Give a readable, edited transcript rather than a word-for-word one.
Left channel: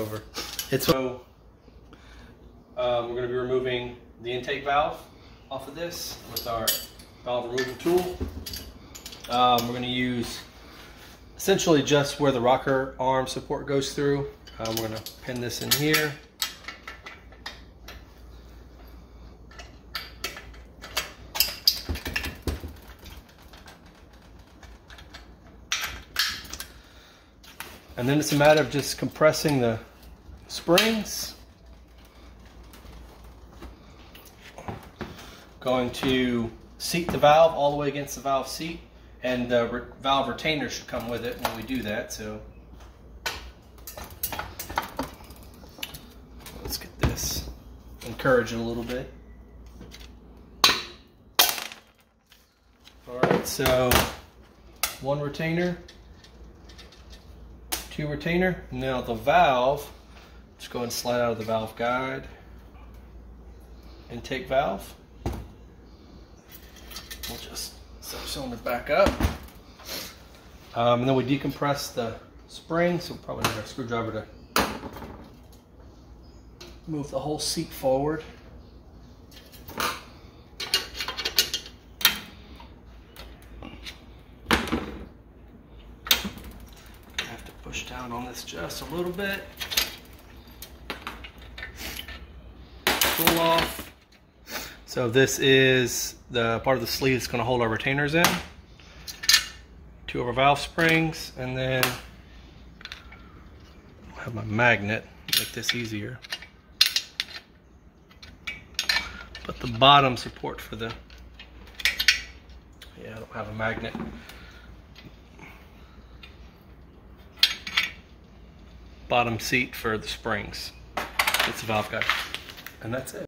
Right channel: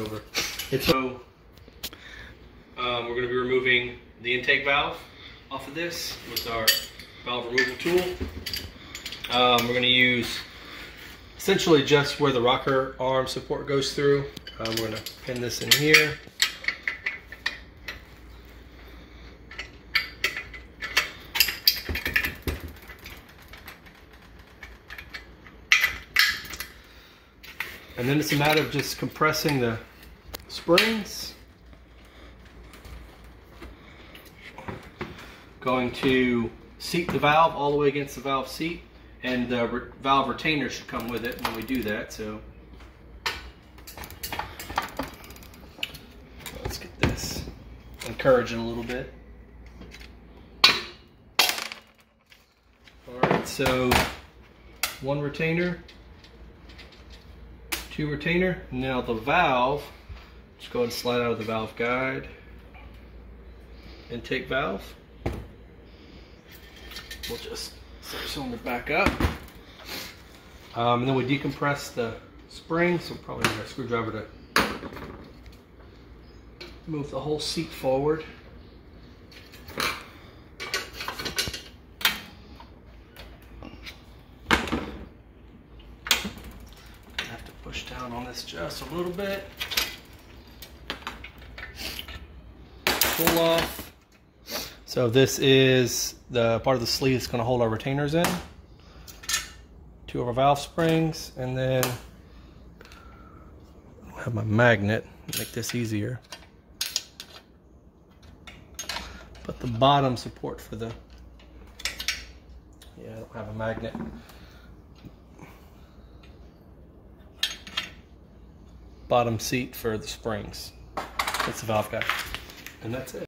over. So we're going to be removing the intake valve off of this with our valve removal tool. We're going to use essentially just where the rocker arm support goes through. We're going to pin this in here. And then it's a matter of just compressing the springs. Going to seat the valve all the way against the valve seat, and the valve retainer should come with it when we do that. So let's get this, encourage it a little bit. All right, so one retainer, two retainer. Now the valve, just go ahead and slide out of the valve guide. Intake valve. We'll just cylinder back up. And then we decompress the spring, so probably need a screwdriver to move the whole seat forward. I have to push down on this just a little bit. Pull off. So this is the part of the sleeve that's going to hold our retainers in. Two of our valve springs, and then I have my magnet to make this easier. But the bottom support for the, I don't have a magnet. Bottom seat for the springs. It's the valve guide, and that's it.